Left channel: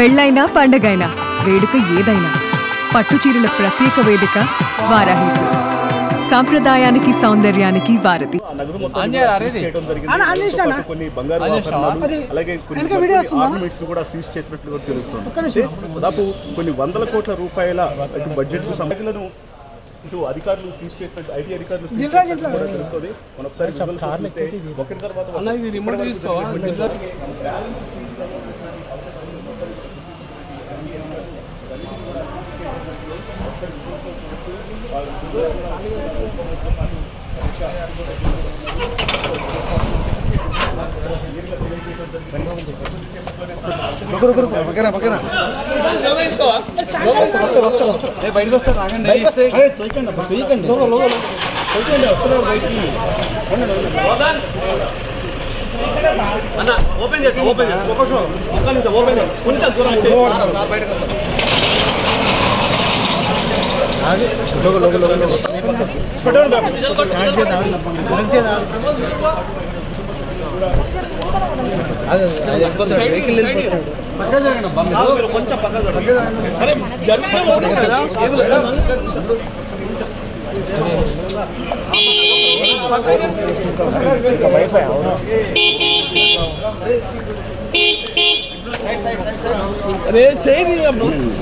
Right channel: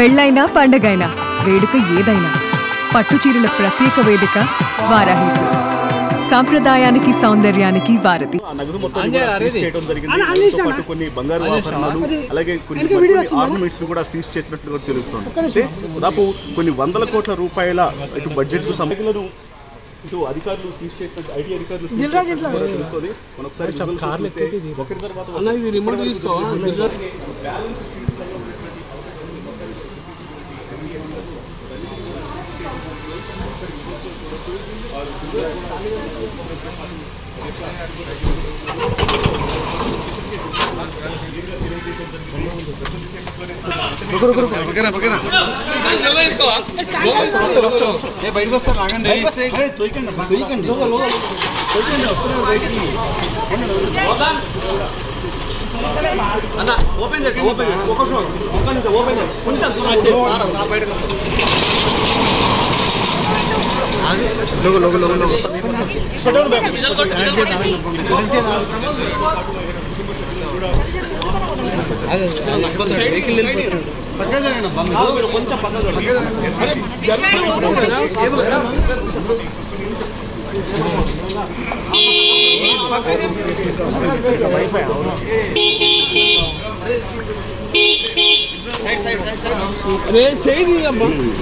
పెళ్ళైనా పండగైనా వేడుక ఏదైనా పట్టుచీరల ప్రత్యేక వేదిక వారాహి సిల్క్స్. సాంప్రదాయానికి సౌందర్యానికి వారధి. దాదాపు కొన్ని వందల కోట్ల రూపాయల బడ్జెట్ సమగ్రలను ఇటు అధికారులు సీజ్ చేసినట్టు ఐటీ అధికారులు తెలుస్తుంది. ఒకరి తర్వాత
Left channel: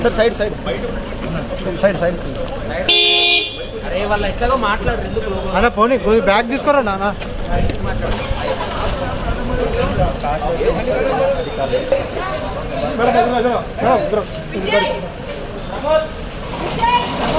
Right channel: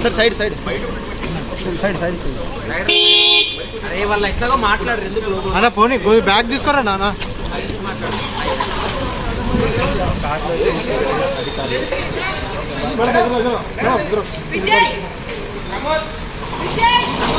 sir side side side side अरे वाला इतना माట్లాడరు అన్న పోనీ कोई बैग తీసుకోరా నాన్న విజయ్ ప్రమోద్ విజయ్ ప్రమోద్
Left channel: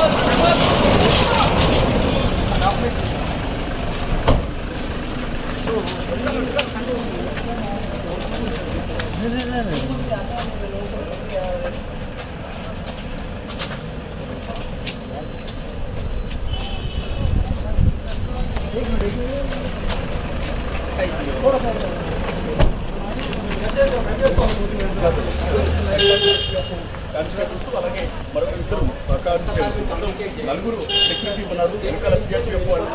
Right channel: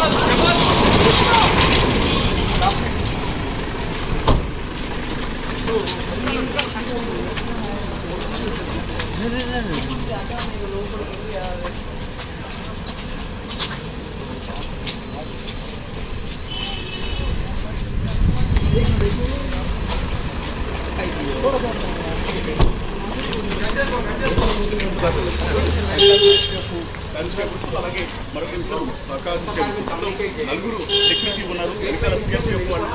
అలాగే మరో ఇద్దరు నలుగురు సెక్యూరిటీ ఉన్నారు. వెనకాల సిఆర్పీఎఫ్ వాళ్ళు